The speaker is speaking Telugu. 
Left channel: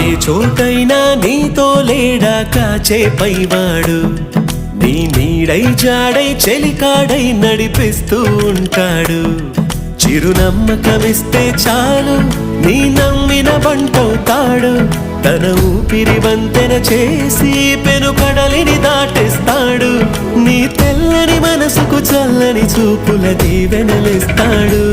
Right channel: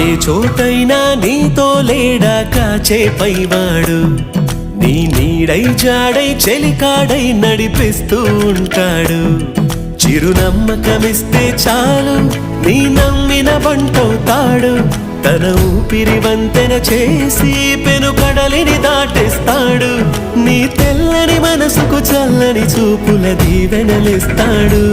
ఏ చోటైనా నీతో లేడా కాచే పైవాడు, నీ నీడై జాడై చెలికాడై నడిపిస్తూ ఉంటాడు. చిరునమ్మకమిస్తే చాలు నీ నమ్మిన బంటవుతాడు. తన ఊపిరి వంతెన చేసి పెను కడలిని దాటిస్తాడు. నీ తెల్లని మనసుకు చల్లని చూపుల దీవెనలిస్తాడు.